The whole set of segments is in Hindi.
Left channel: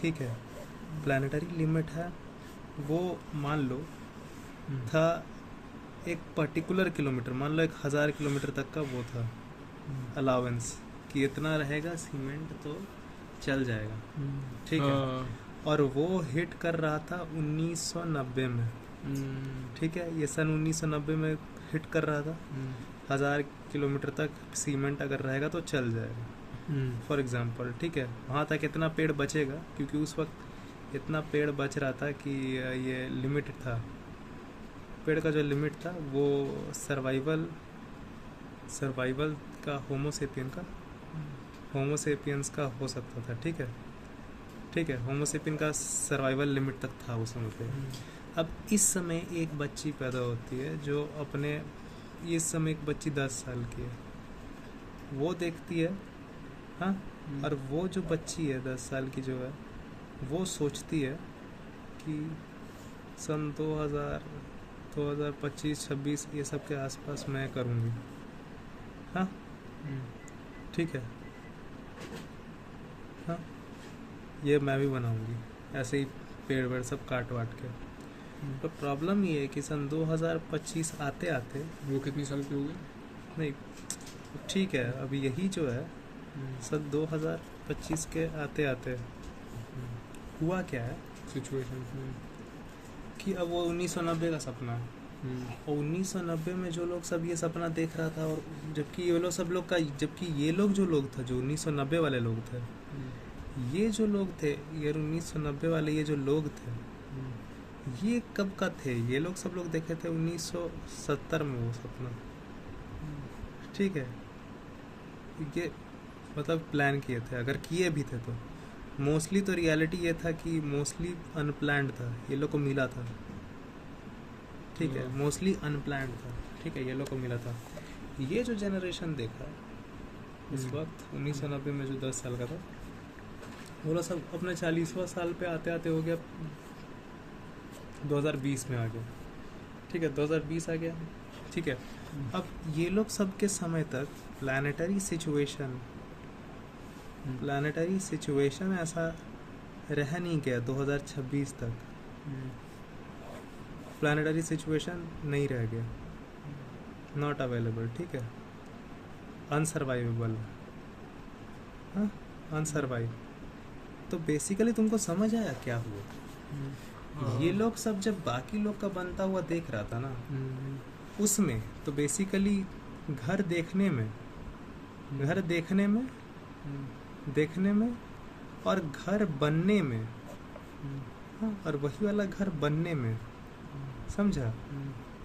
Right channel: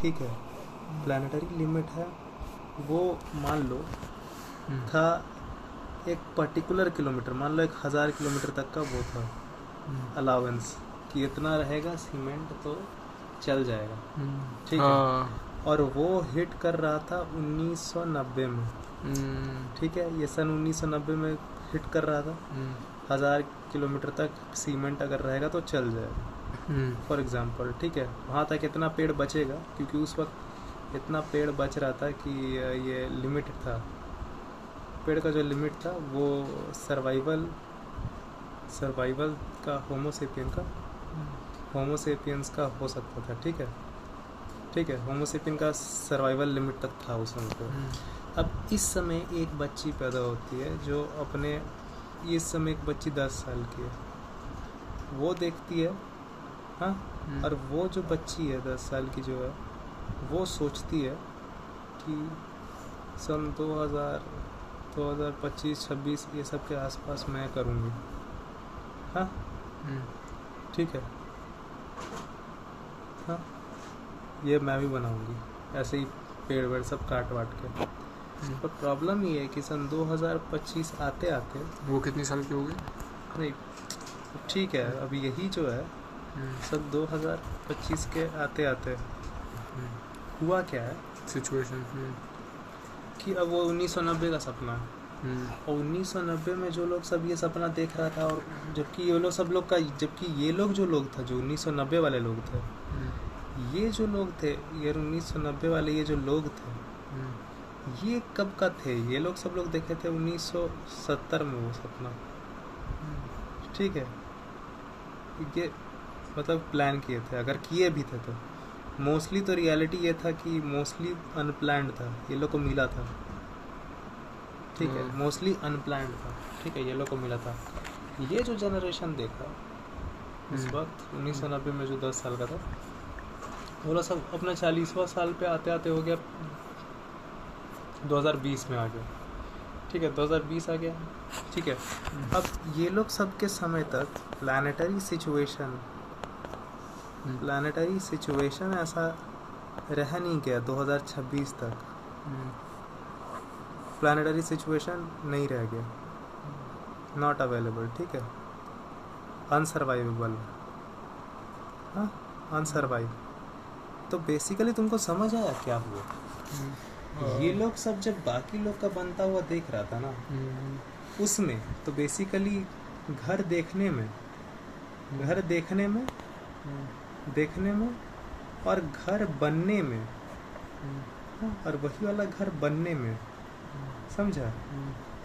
ठीक है, प्लानिटरी लिमिट है वो मान लो था एक पर्टिकुलर किलोमीटर, मान लो 1000 किलोमीटर तक का वो था अलाउंस कि इतना रहेगा सीमेंट तो चल जाएगा, ठीक है। और वो हिट कर रहा था 1990 में, ठीक है, ये सन 1990 में हिट कर रहा था 1000 किलोमीटर तक सीमेंट अगर रहेगा तो चल जाएगा फॉर एग्जांपल, ठीक है। वहाँ तक इतना पेड़ बचेगा क्योंकि उस वक्त इतना पेड़ बच रहा था कि ये लिमिटेड था, पेड़ का जो लिमिट था वो सर्वाइवल का होमोसेपियंस का हो सकता था, ठीक है, होमोसेपियन का सर्वाइवल लिमिट तक था उस समय पे। अब इस समय एक बच्ची पैदा होती है जो अपने, इस समय एक बच्ची 10 साल की है, वो देखती है, हाँ, और वो जो बच्ची है 10 साल की जो है वो सोचती है कि सन 2025-26 ये सब के आसपास मैं करूँगी, हाँ, ठीक है, हाँ, ये मैं भी बनाऊँगी ऐसे ही पेड़ वेड़ सब काट वाट के। तो प्रॉब्लम ये है कि सन 2025 आते आते वो कितनी साल की हो गई? नहीं, ठीक है, अभी यही जो है सन 2025 के आते आते हुआ क्या है सिचुएशन कि अब वो 1990 का सपना है, और 1990 में जो लोग सब ये सपना देख रहा था, और जबकि ये लोग सब लोग का, जबकि ये लोग जो लोग था जो 1990 वाले लोग थे, ये जो लोग थे, ये 1990 वाले ये जो लोग थे, ये कब का थे, ये लोग सब लोग देखे थे 1970 में वो सपना, ठीक है। ये मतलब प्लान किए थे, अगर किए भी थे तो मोस्टली तो रियलिटी ये था कि मोस्टली अनप्लान्ड था, ये लोग को मिला था, ठीक है, मोस्टली अनप्लान्ड था, ठीक है, ये लोग को मिला था। ये जो जनरेशन देखा उस वक्त 1990 में जो 10 साल का था, वो लोग सब अपने 40वां साल पे आते आते हो गया 2020 में आ गया, ठीक है, 2020 आ गया, ठीक है। अब ये लोग सब के समय तक प्लानिटरी सिचुएशन ऐसा रह नहीं गया 2026 तक, प्लानिटरी सिचुएशन नहीं रह गया, नॉट अवेलेबल, ठीक है, अनसर्वाइवेबल, हाँ, अनसर्वाइव। तो बेसिकली तुमको समझ आया क्या हुआ? ये लोग सब जब बाकी लोग का बनता हुआ देख रहा था ना, उसमें तो बेसिकली घर देखने में और घर बनने में, हाँ, और वही वाला घर बनने में, समझा,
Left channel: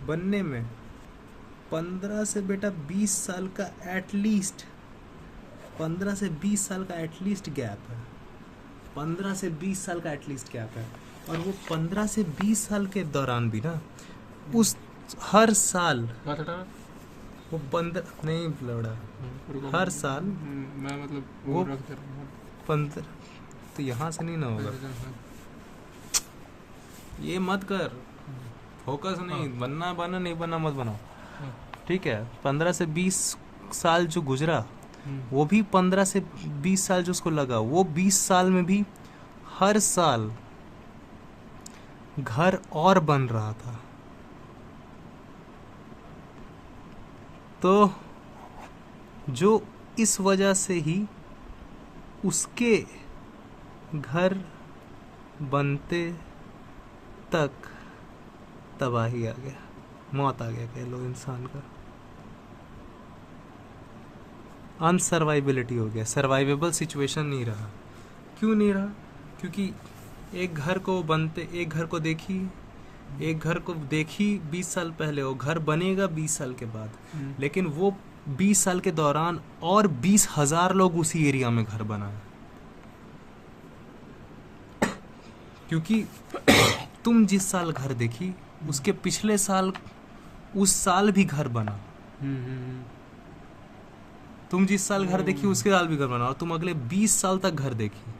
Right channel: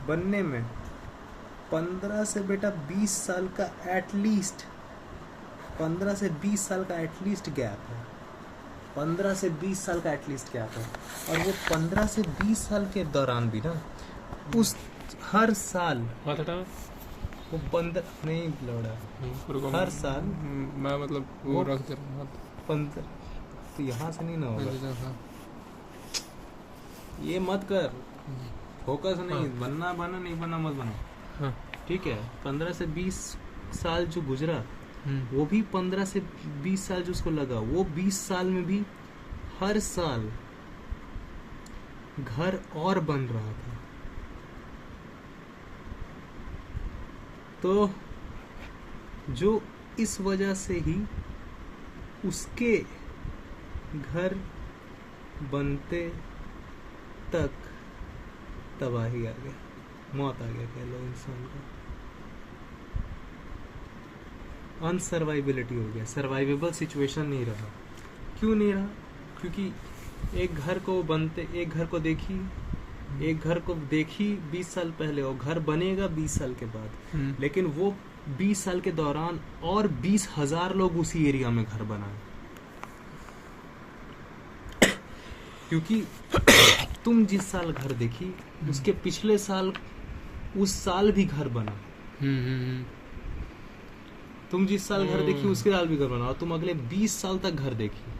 बनने में 15 से बेटा 20 साल का एटलीस्ट 15 से 20 साल का एटलीस्ट गैप है, 15 से 20 साल का एटलीस्ट गैप है। और वो 15 से 20 साल के दौरान भी ना उस हर साल वो बंद नहीं लौड़ा, हर साल मैं मतलब वो रख दे रहा हूँ 15, तो यहाँ से नहीं ना होगा, ये मत कर, फोकस नहीं, बनना नहीं बनना मत बनाओ, ठीक है। 15 से 20 साल जो गुजरा, वो भी 15 से 20 साल जो उसको लगा, वो 20 साल में भी हर साल घर और बन रहा था। तो जो इस वजह से ही उसके घर बनते तक तबाही आ गया, मौत आ गया कह लो इंसान का, अनसर्वाइबिलिटी हो गया, सर्वाइवेबल सिचुएशन नहीं रहा। क्यों नहीं रहा? क्योंकि एक घर को देखी 20 साल पहले, वो घर बनेगा 20 साल के बाद, लेकिन वो 20 साल के दौरान और 20,000 लोग उसी एरिया में घर बनाए, क्योंकि तुम जिस साल घर देखी उसके पिछले साल उस साल भी घर बना, तुम जिस साल घर देखी उसके साल भी घर बना, और तुम अगले 20 साल तक घर देखी,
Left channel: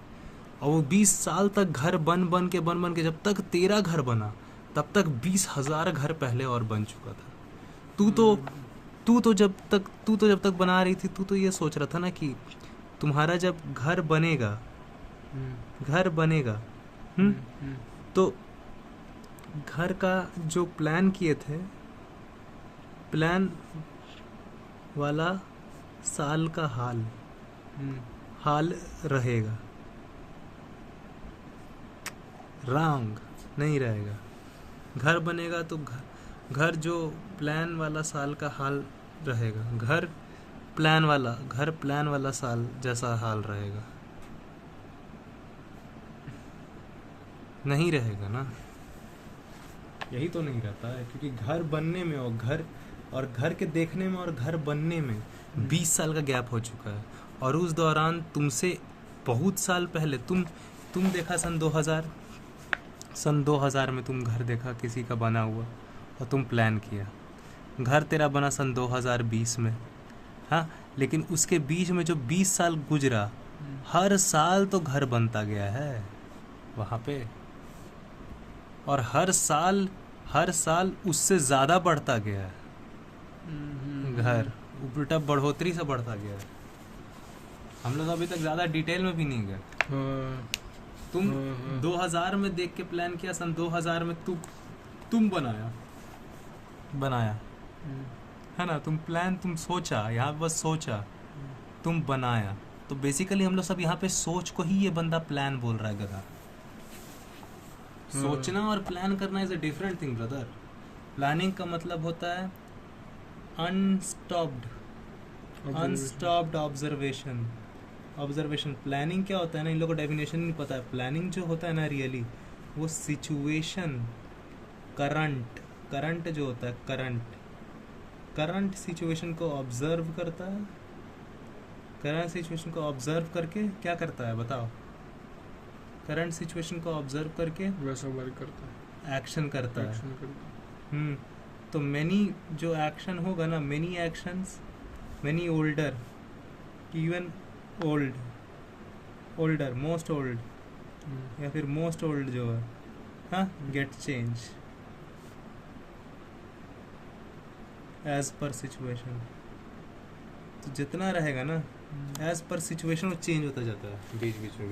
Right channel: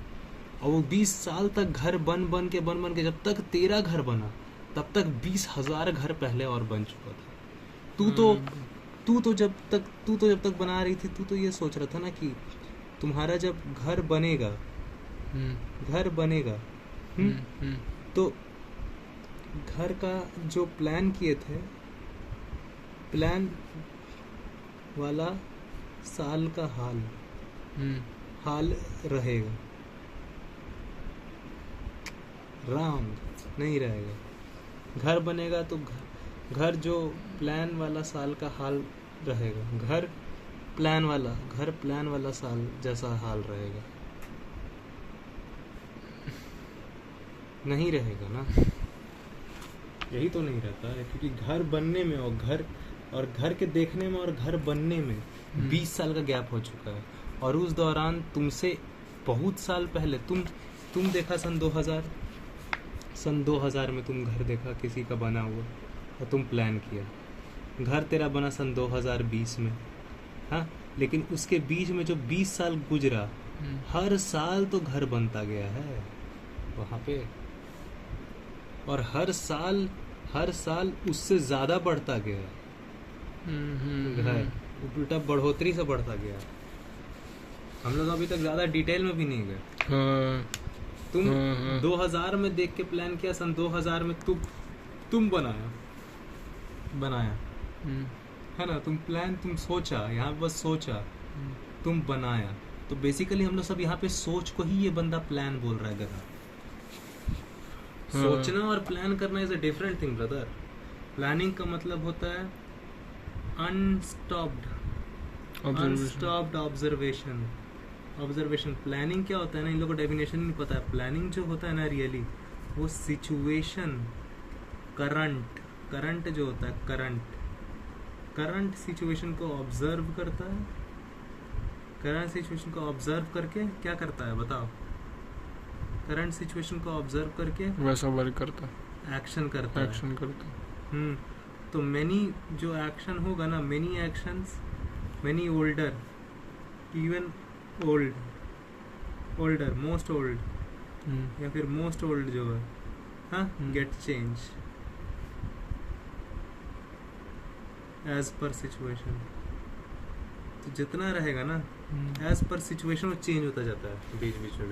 और वो 20 साल तक घर बन के जब तक तेरा घर बना तब तक 20,000 घर पहले और बन चुका था। तू तो जब तक बना रही थी, तू तो ये सोच रहा था ना कि तुम्हारा जब घर बनेगा घर बनेगा। तो घर का जो प्लान किए थे, प्लान वाला साल का हाल रहेगा, रॉन्ग नहीं रहेगा। घर बनेगा तो घर जो प्लान वाला साल का हाल रहेगा, घर प्लान वाला साल जैसा हाल रहेगा, नहीं रहेगा ना। यही तो नहीं रहता है, क्योंकि घर बनने में और घर के देखने में और घर बनने में 20 साल का गैप हो चुका है। और उस दौरान तुमसे बहुत साल पहले तुम देखा सन 2000 में तुम घर देखा किसी का बना हुआ और तुम प्लान किया। घर तेरा बना सन 2020 में, हाँ, लेकिन उसके बीच में जो 20 साल गुजरा, हर साल तो घर बनता गया है वहाँ पे, और हर साल उससे ज़्यादा बढ़ता गया है घर, उल्टा बढ़ोतरी से बढ़ता गया है। हम लोग अभी तक ज़्यादा डिटेल में भी नहीं गए। तुम 2000 में देख के प्लान किया, सन 2000 में तुम बनाया है ना। तुम सोचा, यहाँ बस सोचा, तुम बनाया। तो बेसिकली हम लोग सब यहाँ पे सोच को ही ये बंदा प्लान बोल रहा है गधा। सोचना और प्लान करना is a different thing brother. Planning का मतलब होता है अनस्टॉप्ड ऑब्जर्वेशन। प्लानिंग क्या होता है ना, इन लोगों को डेफिनेशन नहीं पता है। प्लानिंग जो होता है ना रियली, वो सिचुएशन, करंट जो होता है, करंट सिचुएशन को ऑब्जर्व करता है। करंट सिचुएशन को ऑब्जर्व करके क्या करता है बताओ? करंट सिचुएशन को ऑब्जर्व करके वैसा वर्क करता है, एक्शन करता है। तो मेनी जो एक्शन होगा ना, many actions, many older, even older, most old या फिर मोस्ट ओल्ड जो है, हाँ, गेट चेंज एज पर सिचुएशन। तो जितना रहेगा ना एज पर सिचुएशन वो चेंज होता जाता है बीच बीच में।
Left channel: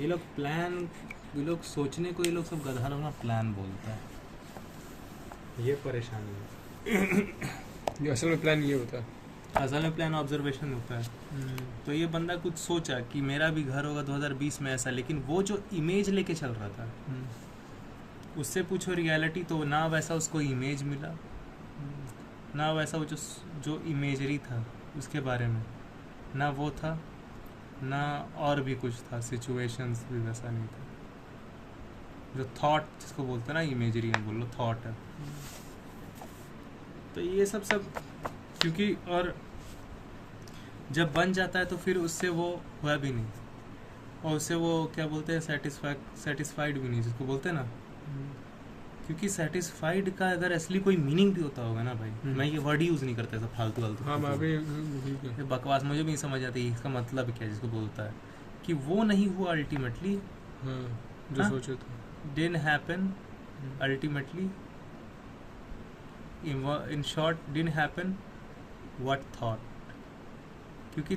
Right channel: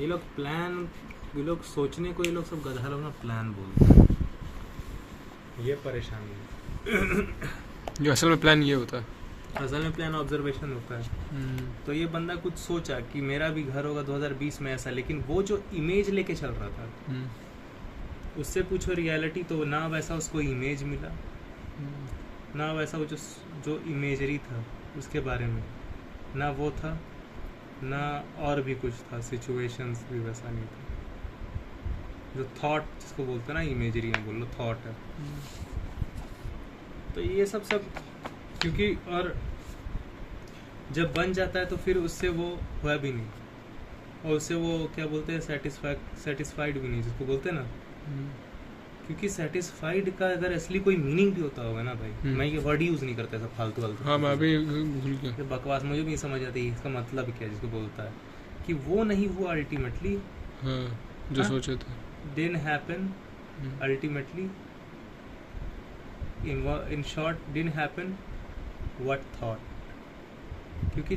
ये लोग सोचने को, ये लोग सब गधा लोग ना प्लान बोलते हैं। ये परेशानी है। जो असल में प्लान ये होता है, असल में प्लान ऑब्जर्वेशन होता है। तो ये बंदा कुछ सोचा कि मेरा भी घर होगा 2020 में ऐसा, लेकिन वो जो इमेज लेके चल रहा था, उससे पूछो रियलिटी, तो ना वैसा उसको इमेज मिला, ना वैसा वो जो इमेजरी था उसके बारे में, ना वो था, ना और भी कुछ था। सिचुएशंस भी वैसा नहीं था। जो थॉट जिसको बोलते हैं ना, इमेजरी में बोल लो, थॉट है। तो ये सब क्योंकि, और जब बन जाता है तो फिर उससे वो हुआ भी नहीं, और उससे वो क्या बोलते हैं, सेटिस्फाइड भी नहीं जिसको बोलते हैं ना। क्योंकि सेटिस्फाइड का अगर असली कोई मीनिंग भी होता होगा ना भाई, मैं ये वर्ड यूज नहीं करता था फालतू। हाँ, मैं भी भूल गया। बकवास मुझे भी नहीं समझ आती इसका मतलब क्या जिसको बोलता है, कि वो नहीं हुआ अल्टीमेटली, जो सोचे थे, didn't happen ultimately, in short didn't happen what thought। क्योंकि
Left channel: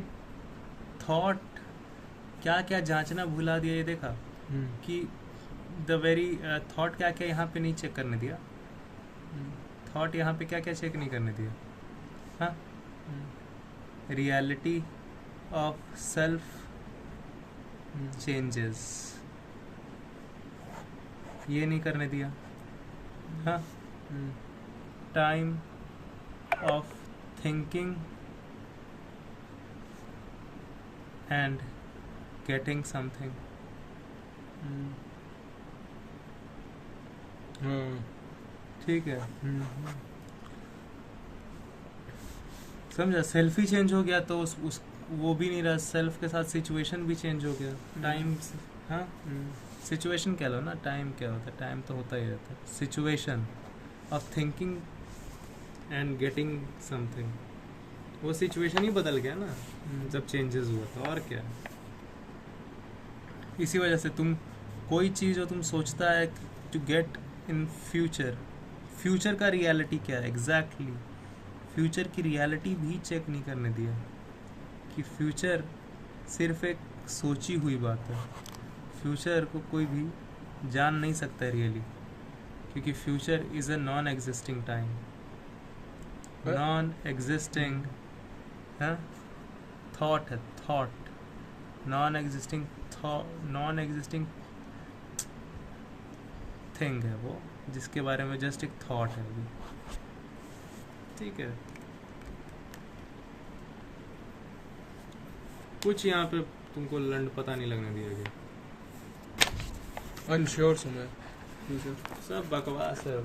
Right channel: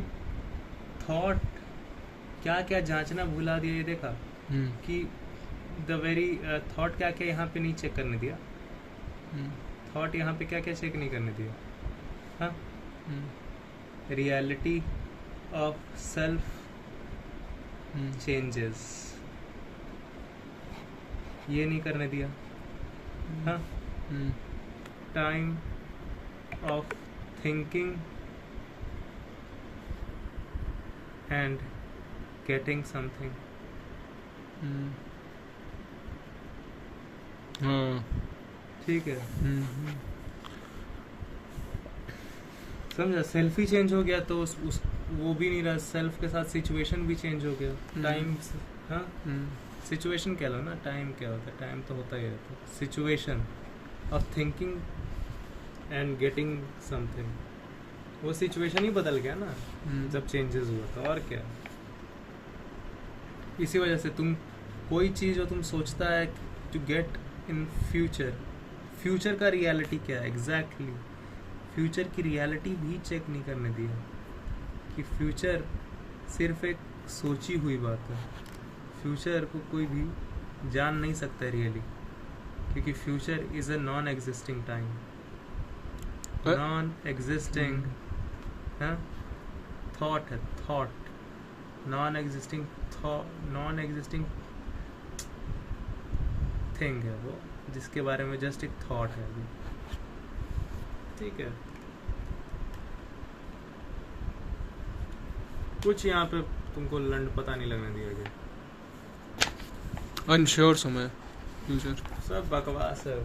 थॉट क्या क्या जांचना भुला दिया, ये देखा कि द वेरी थॉट क्या क्या यहाँ पे नहीं चेक करने दिया। थॉट यहाँ पे क्या क्या चेक नहीं करने दिया, हाँ, रियलिटी ऑफ सेल्फ चेंजेस, ये नहीं करने दिया, हाँ, time of thinking and getting something. ठीक है, समझा? सेल्फ ही चेंज हो गया तो उस वो भी नहीं रहा, सेल्फ के साथ सिचुएशन भी चेंज हो गया। टाइम, हाँ, सिचुएशन क्या लो ना, टाइम क्या होता है? टाइम तो होता ही रहता है। Situation of thinking and getting something, वो सिचुएशन ही बदल गया ना जब चेंजेस हुआ था, और क्या। इसी वजह से तुम कोई चीज़ जो तुम सोचता है टू गेट इन फ्यूचर का रियलिटी क्या है एग्जैक्टली, फ्यूचर की रियलिटी भी चेक नहीं करने दिया, कि फ्यूचर सिर्फ एक सोची हुई बात है। फ्यूचर को कोई भी जान नहीं सकता रियली, क्योंकि future is a non existing time, non existing है, थॉट है, थॉट नॉन एग्जिस्टिंग थिंग है वो, जिसके बारे में जस्ट एक थॉट है अभी। ठीक है, कुछ यहाँ पे तुमको लंड पता नहीं लगने दिया गया। अनश्योर समय फ्यूचर। सब बकवास है।